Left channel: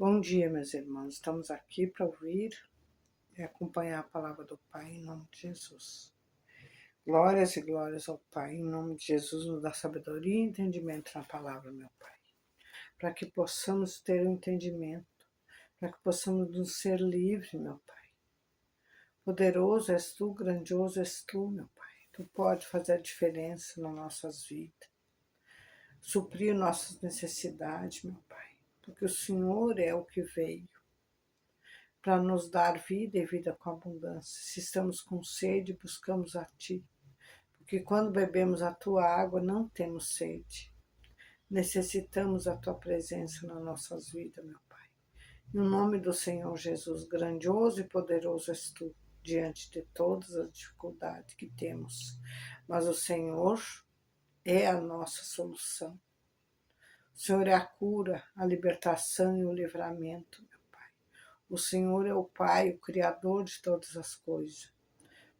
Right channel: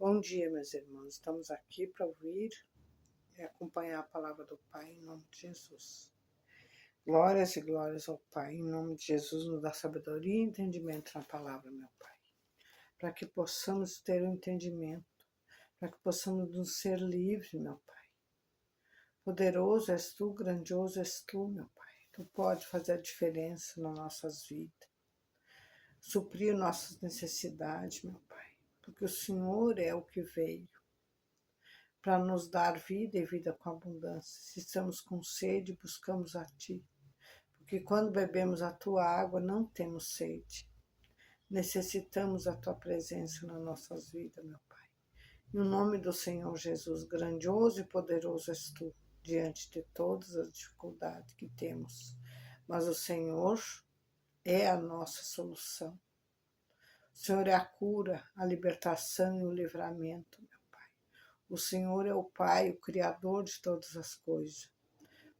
Bom dia, meus irmãos. Estamos aqui para ouvir e acompanhar a palavra do Pai em nome de Jesus. Glórias e glórias ao Pai, em nome de Jesus, nos dá sabedoria e entendimento na palavra, meu Pai. Para que possamos ter um entendimento, para que possamos nos ser livres, meu Pai. Poderoso és Tu, grandioso és Tu, meu Pai. Tu pode fazer a diferença nas nossas vidas, suprir nossas necessidades, meu Pai. Porque o Senhor é o que veio para nos dar vida e vida com abundância. Se estamos com sede, buscamos a Ti, porque quando bebemos a Tua água, não temos sede. Necessitamos a Tua presença nas nossas vidas, meu Pai. No nome do Senhor Jesus, grandioso e poderoso és Tu, diante de todas as dificuldades que temos. Mas o Senhor é a nossa solução. O Senhor é a cura, a libertação e o livramento. O Senhor é o Pai, o Criador de todas as coisas.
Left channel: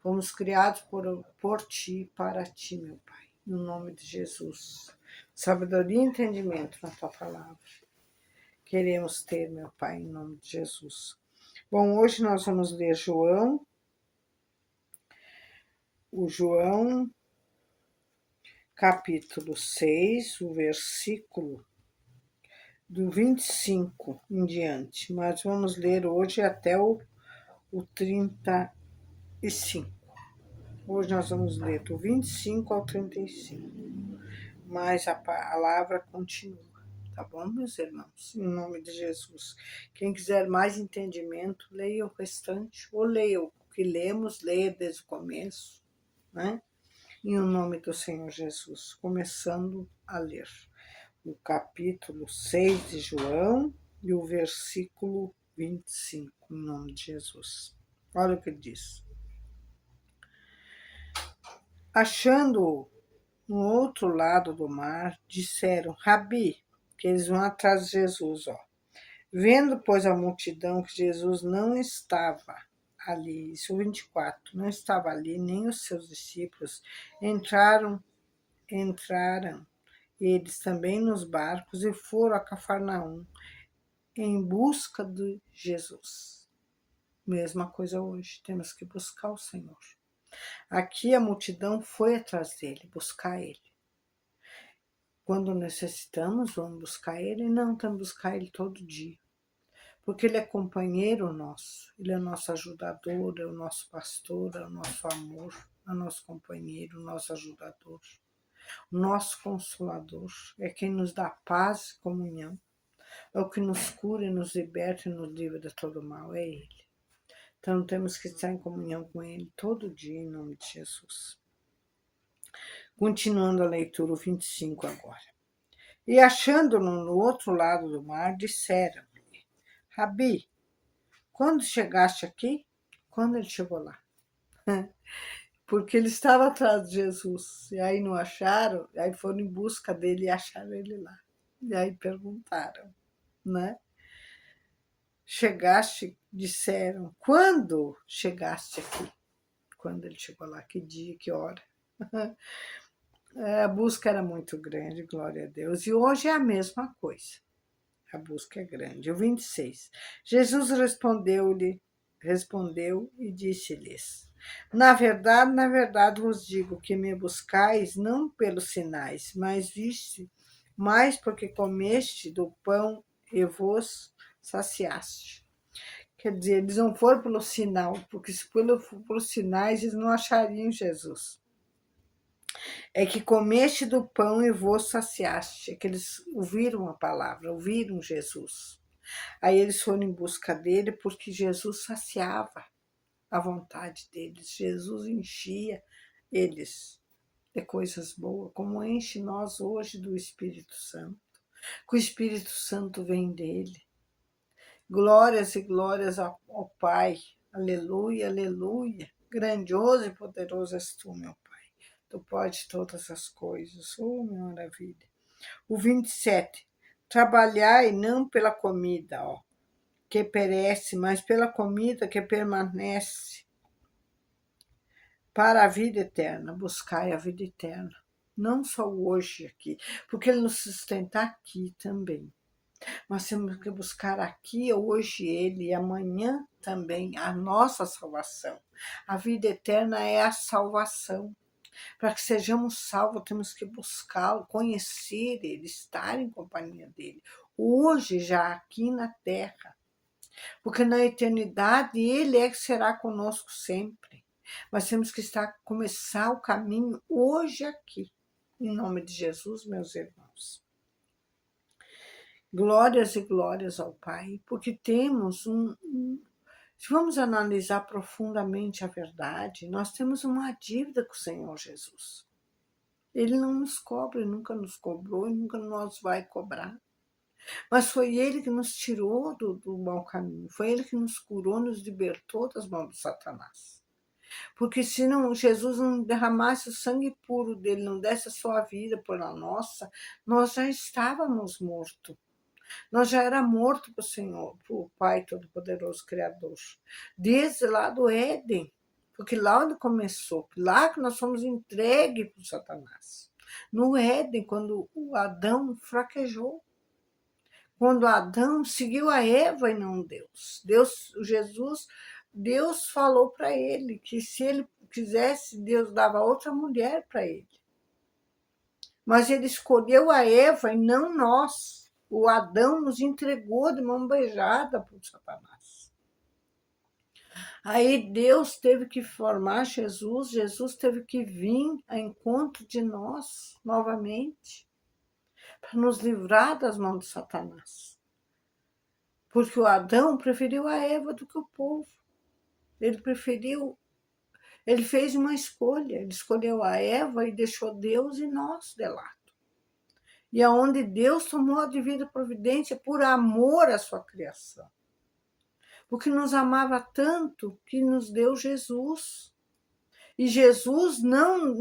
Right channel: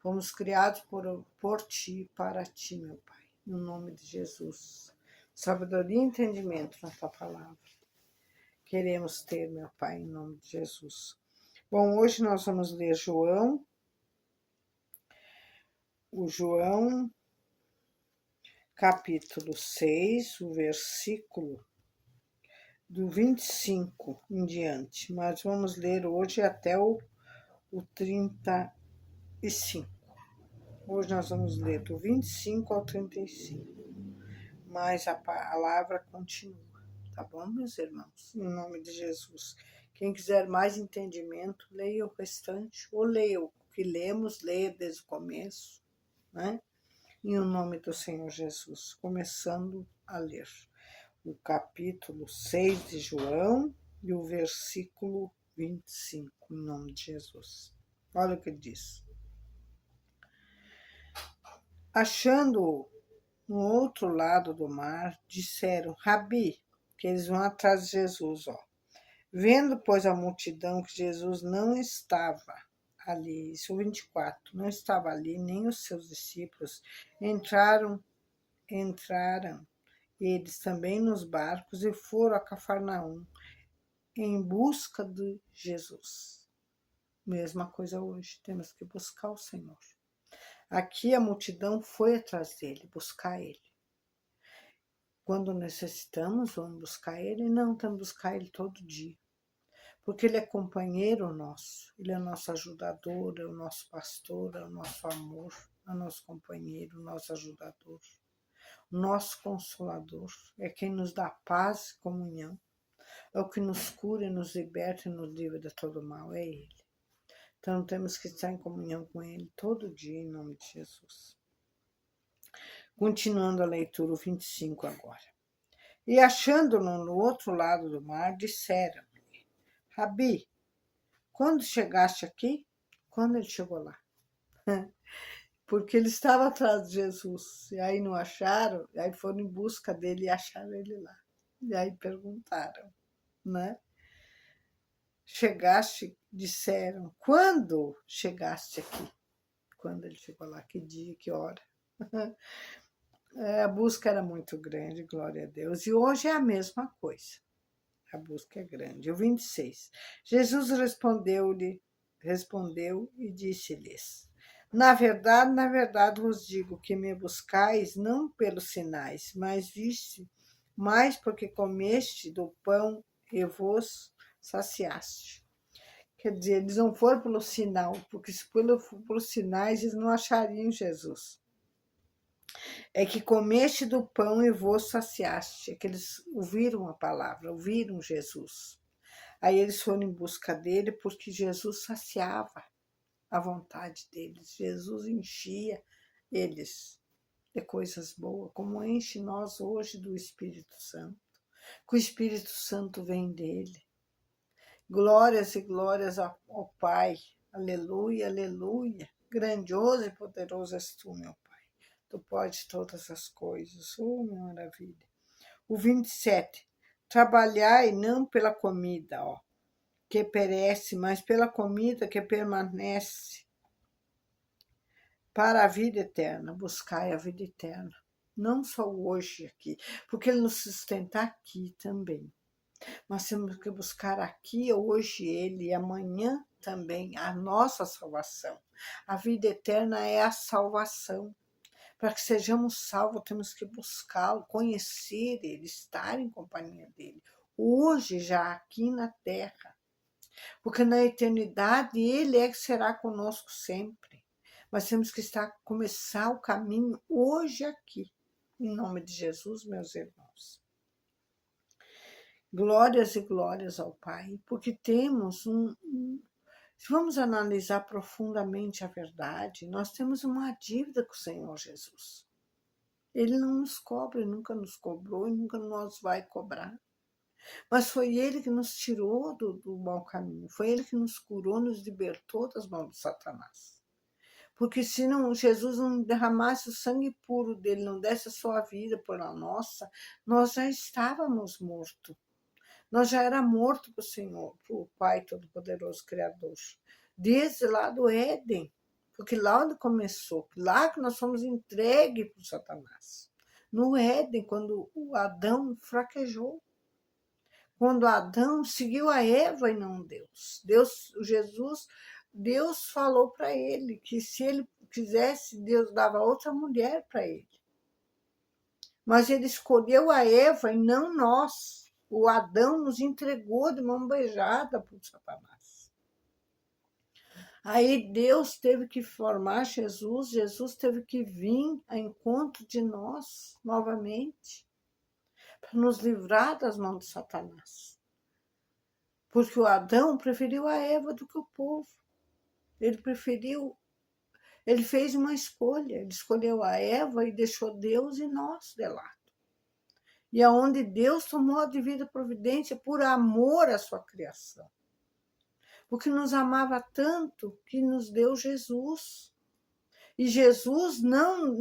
Fomos criados por Ti, para Ti, meu Pai, no nome de Jesus. Sabedoria e entendimento na Tua palavra. Queremos ter, meu Pai, em nome de Jesus. Bom, hoje nós vamos ler João, capítulo 6, o versículo do 25 em diante. Mas vamos ler hoje até o 35. Hoje nós vamos ler do 25 ao 35, mas a palavra continua, tá bom, meus irmãos? Em nome de Jesus. Quem quiser mais entendimento, leia o restante, ou leia o que lemos, leia desde o começo, né? Em nome do Senhor Jesus, começando a ler o capítulo 6 de João e o versículo 25, em nome de Jesus. Olha o que diz. Achando-o no outro lado do mar, disseram, Rabi, que eles vão atrás de Jesus, ó. Vendo, pois, a multidão que Jesus não estava ali, isso 24, não estava ali, nem os seus discípulos, entraram eles também nos barcos e foram a Cafarnaum em busca de Jesus. Mesma coisa hoje, temos que buscar o Senhor. Aqui a multidão foi atrás dele, buscar ele. Quando necessitamos, vamos buscar ele? Não, temos que buscar ele todo dia. Porque ele é companheiro nosso, ele é nosso ajudador, é o nosso pastor, é o nosso amor, é o nosso companheiro, o nosso ajudador, o nosso consolador, é quem nos dá paz e comunhão, é o que nos cura e nos liberta e nos livra de todo mal, é ele. Então temos que estar em comunhão com ele todo dia, em nome de Jesus. Continuando a leitura, o 25 agora. E achando-no no outro lado do mar, disseram-lhe, Rabi, quando chegaste aqui? Quando ele chegou lá? Porque ele estava atrás de Jesus, e aí não acharam, e aí foram em busca dele e acharam ele lá. E aí perguntaram, né? Chegaste, disseram, quando chegaste aqui? Quando ele chegou lá, que dia, que hora? A busca era muito grande, glória a Deus. E hoje é a mesma coisa. A busca é grande. O 26. Jesus respondeu e disse-lhes: na verdade vos digo que me buscais não pelos sinais, mas viste, mais porque comeste do pão e vos saciaste. Quer dizer, eles não foram pelo sinal, porque se pelos sinais eles não achariam Jesus. É que comeste do pão e vos saciaste. É que eles ouviram a palavra, ouviram Jesus. Aí eles foram em busca dele porque Jesus saciava a vontade deles. Jesus enchia eles de coisas boas, como enche nós hoje do Espírito Santo. Que o Espírito Santo vem dele. Glórias e glórias ao Pai. Aleluia, aleluia. Grandioso e poderoso és tu, meu Pai. Tu podes todas as coisas. Oh, maravilha. O 27. Trabalhai não pela comida, ó, que perece, mas pela comida que permanece para a vida eterna. Buscai a vida eterna. Não só hoje aqui, porque ele nos sustenta aqui também. Nós temos que buscar aqui, hoje, Ele, e amanhã também, a nossa salvação. A vida eterna é a salvação. Para que sejamos salvos, temos que buscá-lo, conhecer Ele, estar em companhia dEle. Hoje, já aqui na terra. Porque na eternidade, Ele é que será conosco sempre. Mas temos que começar o caminho hoje aqui. Em nome de Jesus, meus irmãos. Glórias e glórias ao Pai, porque temos se vamos analisar profundamente a verdade, nós temos uma dívida com o Senhor Jesus. Ele não nos cobra, nunca nos cobrou e nunca nos vai cobrar. Mas foi Ele que nos tirou do mau caminho, foi Ele que nos curou, nos libertou das mãos de Satanás. Porque se não, Jesus não derramasse o sangue puro dele, não desse a sua vida por a nossa, nós já estávamos mortos. Nós já era morto para o Senhor, para o Pai Todo-Poderoso Criador. Desde lá do Éden. Porque lá onde começou, lá que nós fomos entregues para o Satanás. No Éden, quando o Adão fraquejou. Quando Adão seguiu a Eva e não Deus. Deus falou para ele que se ele quisesse, Deus dava outra mulher para ele. Mas ele escolheu a Eva e não nós. O Adão nos entregou de mão beijada para o Satanás. Aí Deus teve que formar Jesus, Jesus teve que vir ao encontro de nós novamente, para nos livrar das mãos de Satanás. Porque o Adão preferiu a Eva do que o povo. Ele fez uma escolha, ele escolheu a Eva e deixou Deus e nós de lado. E aonde Deus tomou a devida providência por amor à sua criação. Porque nos amava tanto que nos deu Jesus. E Jesus não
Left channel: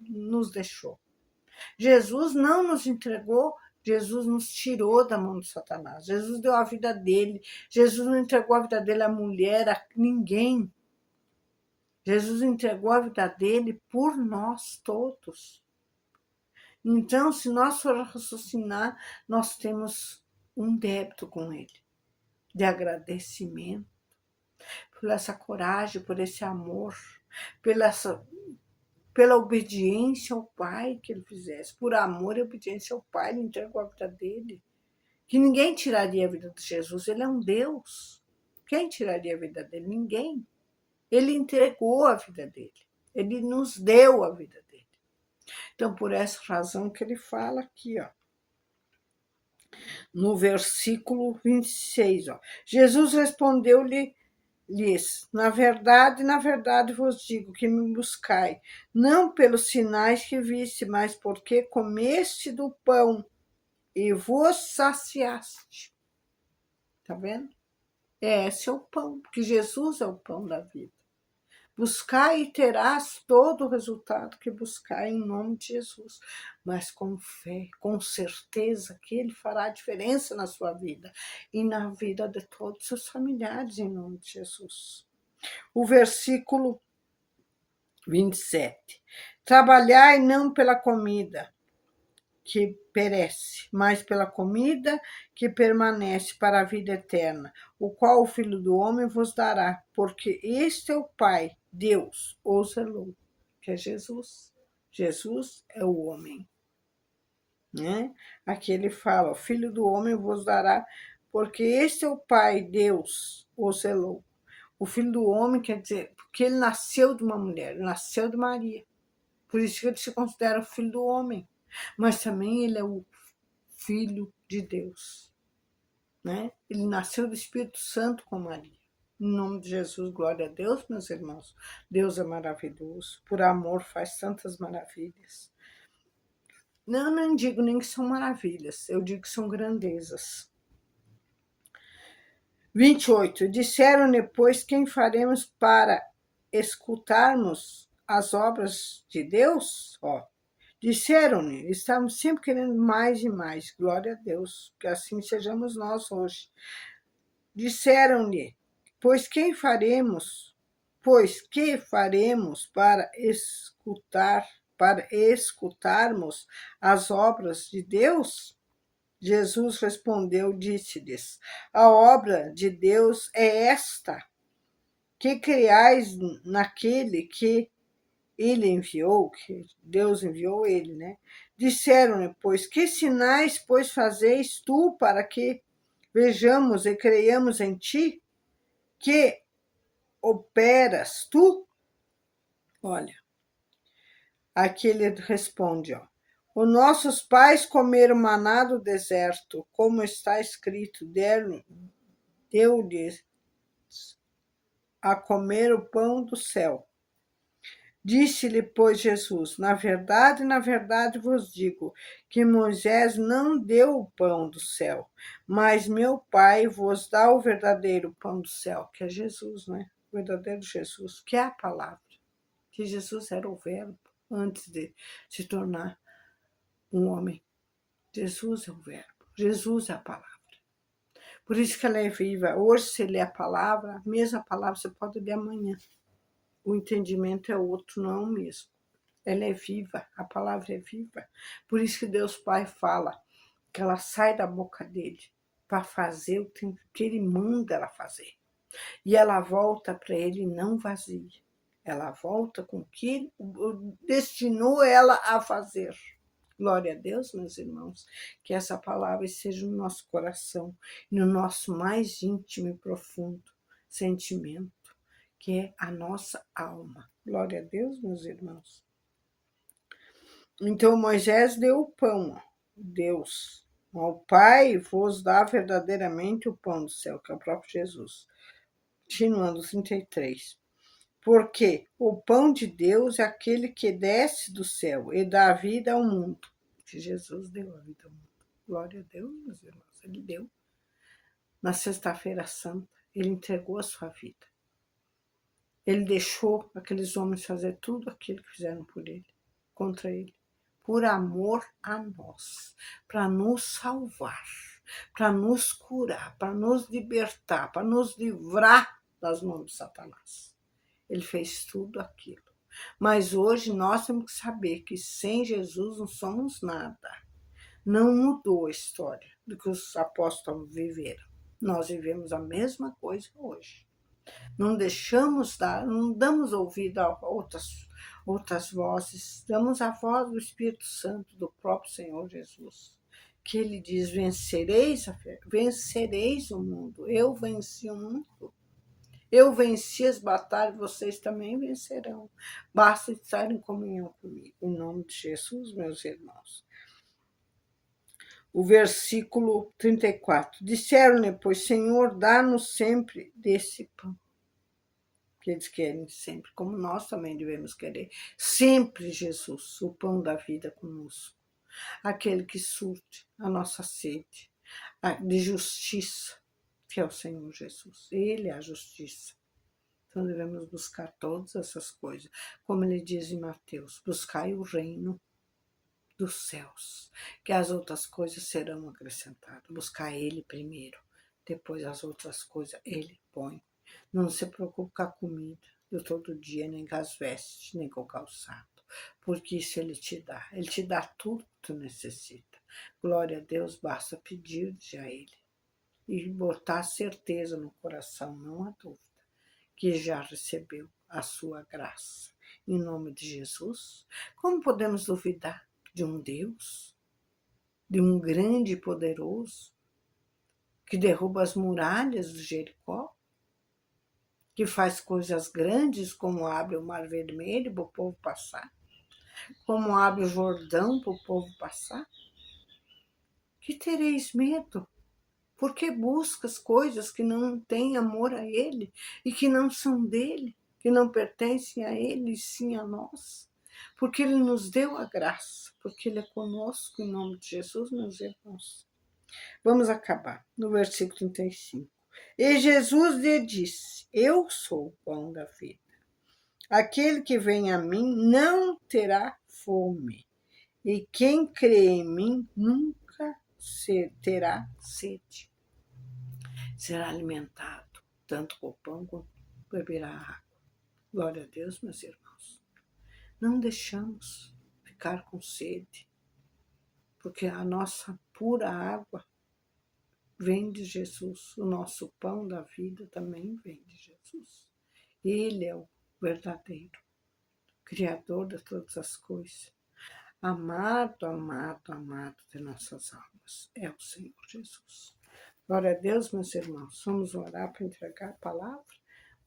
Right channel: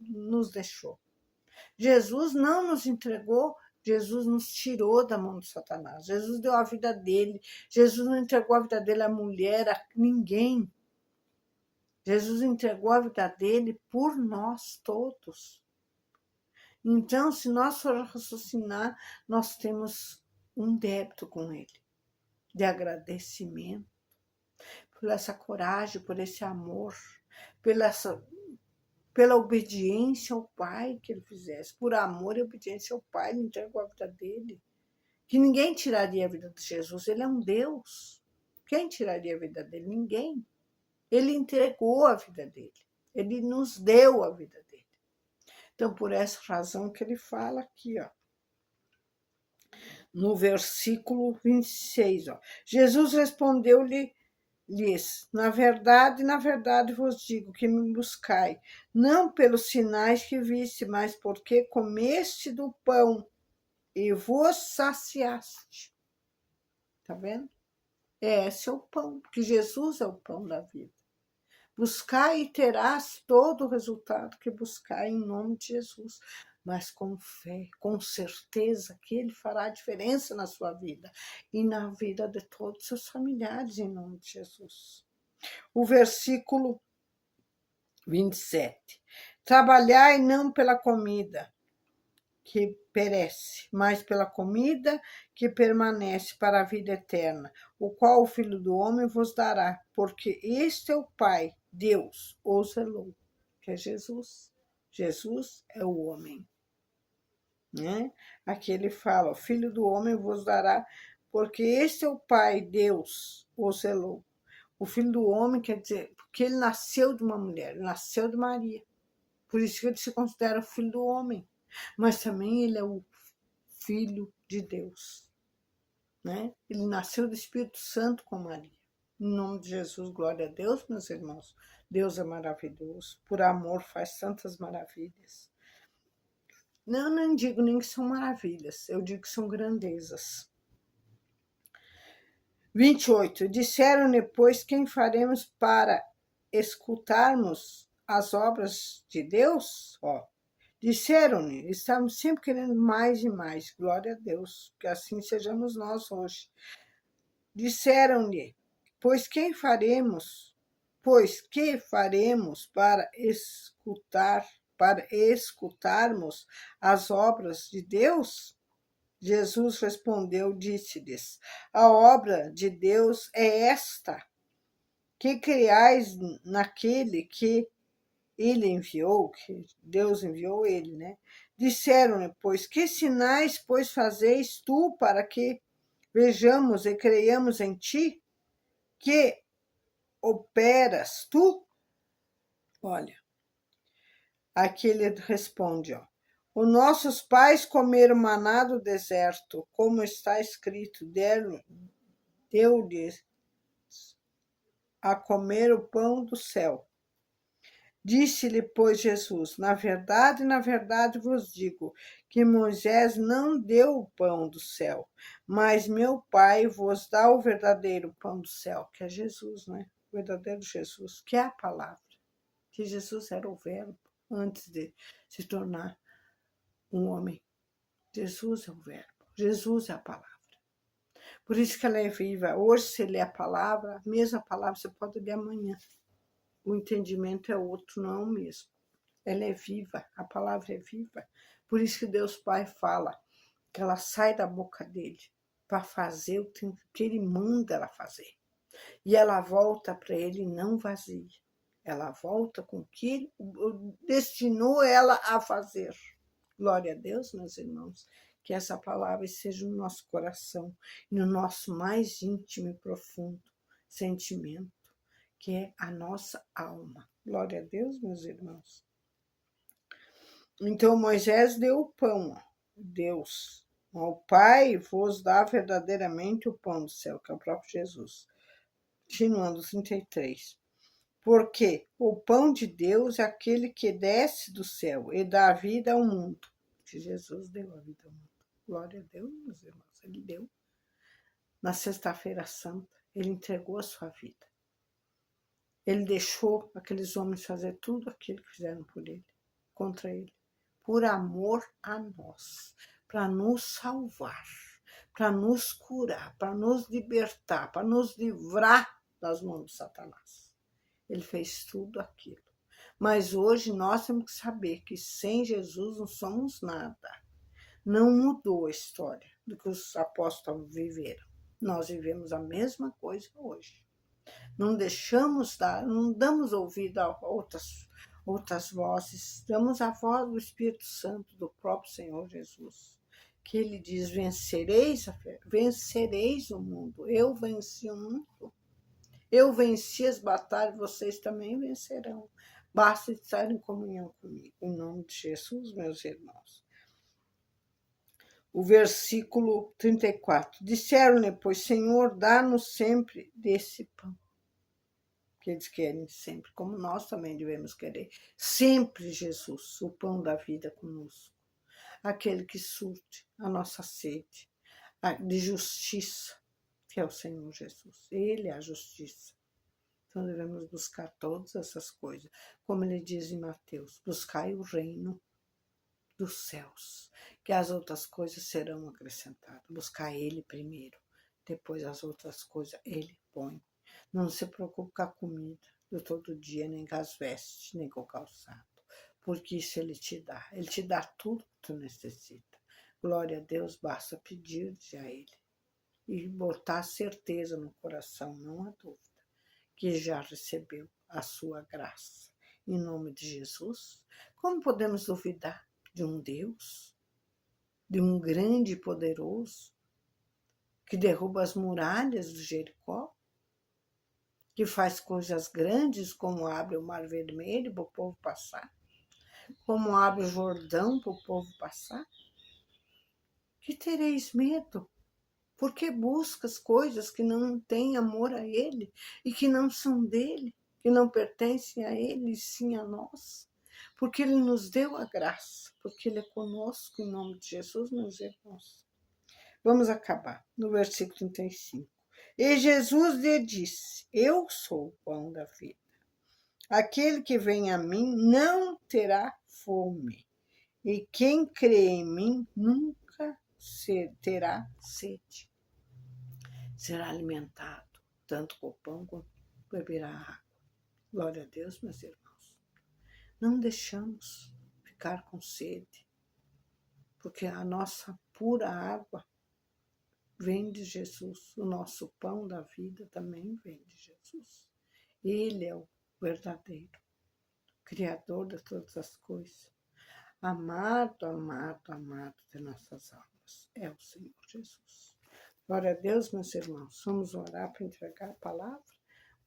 nos deixou. Jesus não nos entregou, Jesus nos tirou da mão de Satanás. Jesus deu a vida dele. Jesus não entregou a vida dele à mulher, a ninguém. Jesus entregou a vida dele por nós todos. Então, se nós formos raciocinar, nós temos um débito com ele, de agradecimento, por essa coragem, por esse amor, pela obediência ao Pai que ele fizesse. Por amor e obediência ao Pai, ele entregou a vida dele. Que ninguém tiraria a vida de Jesus, ele é um Deus. Quem tiraria a vida dele? Ninguém. Ele entregou a vida dele, ele nos deu a vida dele. Então, por essa razão que ele fala aqui, ó, no versículo 26, ó, Jesus respondeu-lhes, na verdade vos digo que me buscai, não pelos sinais que viste, mas porque comeste do pão e vos saciaste. Tá vendo? Esse é o pão, porque Jesus é o pão da vida. Buscar e terás todo o resultado que buscar em nome de Jesus. Mas com fé, com certeza que Ele fará diferença na sua vida e na vida de todos os seus familiares em nome de Jesus. O versículo 27. Trabalhai não pela comida que perece, mas pela comida que permanece para a vida eterna, o qual o Filho do Homem vos dará, porque este é o Pai, Deus, o zelou, que é Jesus. Jesus é o homem. Né? Aqui ele fala, o Filho do Homem vos dará, porque este é o Pai, Deus, o zelou. O Filho do Homem quer dizer, porque ele nasceu de uma mulher, ele nasceu de Maria. Por isso que ele se considera o Filho do Homem. Mas também ele é o Filho de Deus. Né? Ele nasceu do Espírito Santo com Maria. Em nome de Jesus, glória a Deus, meus irmãos. Deus é maravilhoso. Por amor faz tantas maravilhas. Não digo nem que são maravilhas, eu digo que são grandezas. 28. Disseram-lhe, pois, quem faremos para escutarmos as obras de Deus? Ó, disseram-lhe, estavam sempre querendo mais e mais. Glória a Deus, que assim sejamos nós hoje. Disseram-lhe, pois que faremos para escutarmos as obras de Deus? Jesus respondeu, disse-lhes: a obra de Deus é esta, que criais naquele que ele enviou, que Deus enviou ele, né? Disseram-lhe, pois, que sinais, pois, fazeis tu para que vejamos e creiamos em ti? Que operas tu? Olha, aqui ele responde, ó. Os nossos pais comeram maná do deserto, como está escrito, deu-lhes a comer o pão do céu. Disse-lhe, pois, Jesus, na verdade vos digo, que Moisés não deu o pão do céu, mas meu Pai vos dá o verdadeiro pão do céu, que é Jesus, né? O verdadeiro Jesus, que é a palavra. Que Jesus era o verbo antes de se tornar um homem. Jesus é o verbo, Jesus é a palavra. Por isso que ela é viva. Hoje você lê a palavra, a mesma palavra você pode ler amanhã. O entendimento é outro, não é o mesmo. Ela é viva, a palavra é viva. Por isso que Deus Pai fala que ela sai da boca dele para fazer o que ele manda ela fazer. E ela volta para ele não vazia. Ela volta com o que ele destinou ela a fazer. Glória a Deus, meus irmãos, que essa palavra esteja no nosso coração, no nosso mais íntimo e profundo sentimento, que é a nossa alma. Glória a Deus, meus irmãos. Então Moisés deu o pão, Deus. Ao Pai vos dá verdadeiramente o pão do céu, que é o próprio Jesus. Continuando, 33. Porque o pão de Deus é aquele que desce do céu e dá vida ao mundo. Que Jesus deu a vida ao mundo. Glória a Deus, meus irmãos. Ele deu. Na sexta-feira santa, ele entregou a sua vida. Ele deixou aqueles homens fazer tudo aquilo que fizeram por ele, contra ele, por amor a nós, para nos salvar, para nos curar, para nos libertar, para nos livrar das mãos de Satanás. Ele fez tudo aquilo. Mas hoje nós temos que saber que sem Jesus não somos nada. Não mudou a história do que os apóstolos viveram. Nós vivemos a mesma coisa hoje. Não deixamos dar, não damos ouvido a outras vozes, damos a voz do Espírito Santo, do próprio Senhor Jesus, que ele diz, vencereis o mundo. Eu venci o mundo. Eu venci as batalhas, vocês também vencerão. Basta estar em comunhão comigo. Em nome de Jesus, meus irmãos. O versículo 34. Disseram-lhe, pois, Senhor, dá-nos sempre desse pão. Que eles querem sempre, como nós também devemos querer. Sempre Jesus, o pão da vida conosco. Aquele que surte a nossa sede de justiça, que é o Senhor Jesus. Ele é a justiça. Então devemos buscar todas essas coisas. Como ele diz em Mateus, buscai o reino dos céus, que as outras coisas serão acrescentadas. Buscar ele primeiro, depois as outras coisas ele põe. Não se preocupe com a comida do todo dia, nem com as vestes, nem com o calçado, porque isso ele te dá. Ele te dá tudo que tu necessita. Glória a Deus, basta pedir a ele e botar certeza no coração, não há dúvida, que já recebeu a sua graça. Em nome de Jesus, como podemos duvidar de um Deus, de um grande e poderoso, que derruba as muralhas do Jericó, que faz coisas grandes, como abre o Mar Vermelho para o povo passar, como abre o Jordão para o povo passar? Que tereis medo? Porque buscas coisas que não têm amor a Ele e que não são dele, que não pertencem a Ele, e sim a nós. Porque Ele nos deu a graça, porque Ele é conosco, em nome de Jesus, meus irmãos. Vamos acabar no versículo 35. E Jesus lhe disse, eu sou o pão da vida. Aquele que vem a mim não terá fome, e quem crê em mim nunca terá sede. Será alimentado, tanto com o pão quanto beberá água. Glória a Deus, meus irmãos. Não deixamos ficar com sede, porque a nossa pura água vem de Jesus. O nosso pão da vida também vem de Jesus. Ele é o verdadeiro Criador de todas as coisas. Amado, amado, amado de nossas almas é o Senhor Jesus. Glória a Deus, meus irmãos. Vamos orar para entregar a palavra.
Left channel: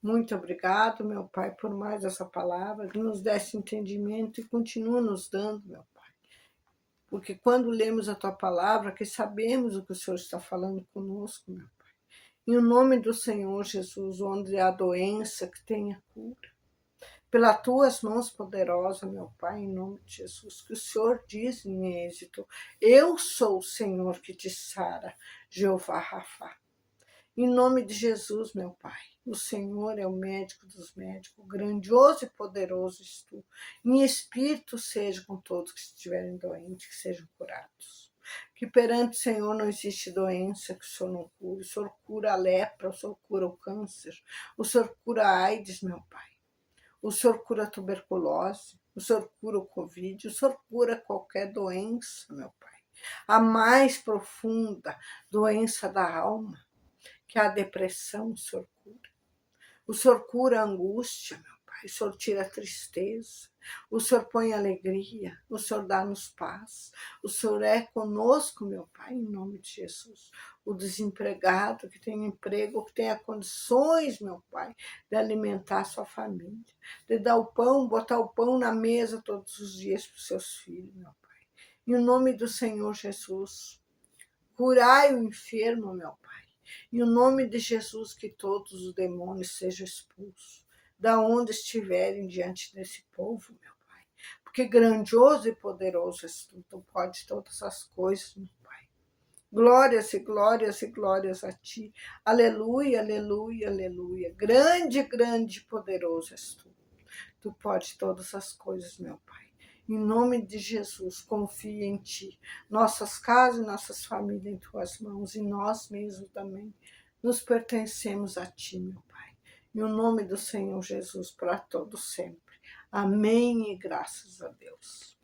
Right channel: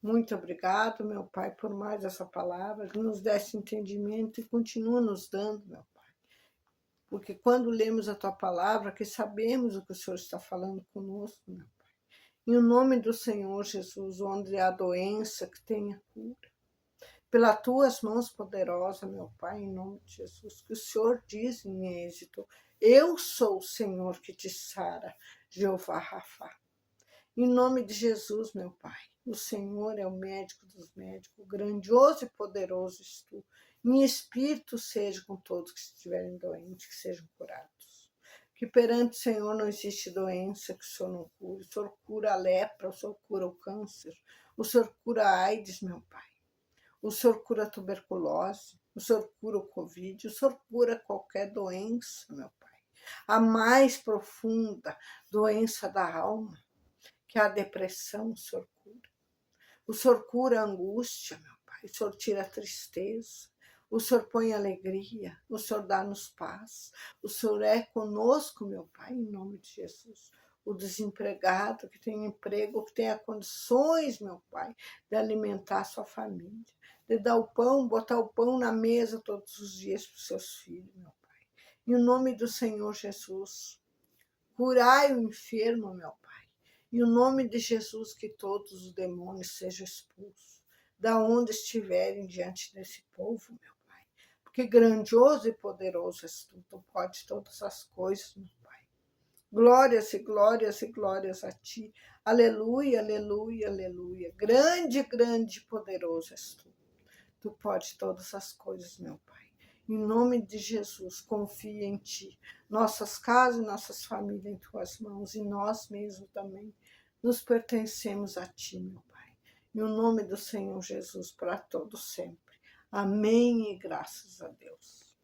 Muito obrigado, meu Pai, por mais essa palavra, que nos desse entendimento e continua nos dando, meu Pai. Porque quando lemos a Tua palavra, que sabemos o que o Senhor está falando conosco, meu Pai. Em nome do Senhor Jesus, onde há doença, que tenha cura. Pelas tuas mãos poderosas, meu Pai, em nome de Jesus, que o Senhor diz em Êxodo: eu sou o Senhor que te sara, Jeová Rafá. Em nome de Jesus, meu Pai, o Senhor é o médico dos médicos, grandioso e poderoso és tu. Em espírito seja com todos que estiverem doentes, que sejam curados. Que perante o Senhor não existe doença que o Senhor não cure. O Senhor cura a lepra, o Senhor cura o câncer, o Senhor cura a AIDS, meu Pai. O Senhor cura a tuberculose, o Senhor cura o Covid, o Senhor cura qualquer doença, meu Pai. A mais profunda doença da alma, que é a depressão, o Senhor cura. O Senhor cura a angústia, meu Pai. O Senhor tira a tristeza. O Senhor põe alegria. O Senhor dá-nos paz. O Senhor é conosco, meu Pai, em nome de Jesus. O desempregado que tem emprego, que tenha condições, meu Pai, de alimentar a sua família, de dar o pão, botar o pão na mesa todos os dias para os seus filhos, meu Pai. Em nome do Senhor Jesus, curai o enfermo, meu Pai. Em nome de Jesus, que todos os demônios sejam expulsos, da onde estiverem diante desse povo, meu Pai. Porque grandioso e poderoso és tu, tu podes todas as coisas, meu Pai. Glórias e glórias e glórias a ti. Aleluia, aleluia, aleluia. Grande, grande e poderoso és tu. Tu podes todas as coisas, meu Pai. Em nome de Jesus, confia em ti. Nossas casas, nossas famílias em tuas mãos, e nós mesmos também nos pertencemos a ti, meu Pai. Em nome do Senhor Jesus, para todos sempre. Amém e graças a Deus.